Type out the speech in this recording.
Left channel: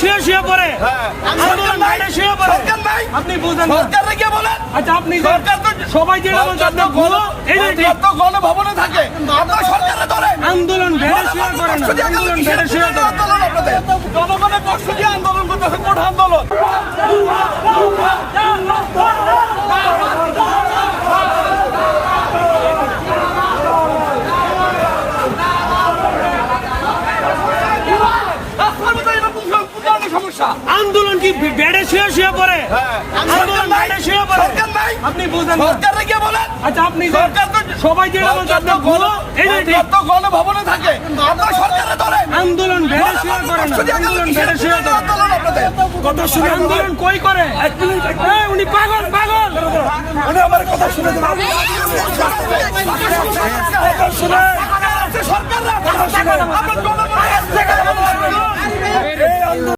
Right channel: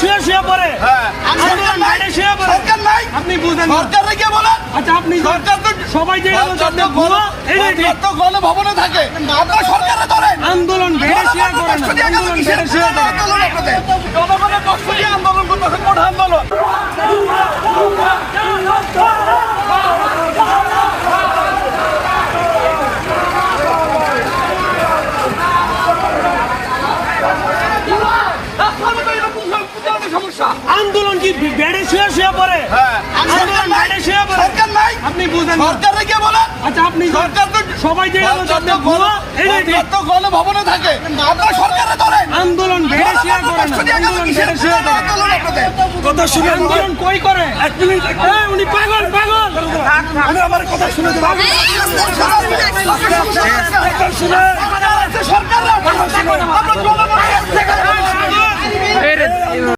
শুয়ে শুয়ে পড়ে আন্দোলন বেড়ে শুয়ে পড়ে আপনি বুঝেন না। আচ্ছা আপনি সবাই যেটা বলছে আপনি ভুয়ো এইটাই ঠিক। গণভবনে থাকে সরকারে ধরে আন্দোলন বেড়ে শুয়ে পড়ে না, আন্দোলন বেড়ে শুয়ে পড়ে। জনগণের পক্ষ দিয়ে আন্দোলন করতেছে, কোন আন্দোলন? সমস্যা আন্দোলন কি বেড়ে শুয়ে শুয়ে পড়ে আন্দোলন বেড়ে শুয়ে পড়ে আপনি বুঝেন না। সরকারে কে বলে? আচ্ছা আপনি সবাই যেটা বলছে আপনি ভুয়ো এইটাই ঠিক। গণভবনে থাকে সরকারে ধরে আন্দোলন বেড়ে শুয়ে পড়ে না, আন্দোলন বেড়ে শুয়ে পড়ে। কথা শুনে আন্দোলন কই করে? এক মিনিট, উনি পাগল পাগল। উনি আমার কথা শুনে সরকার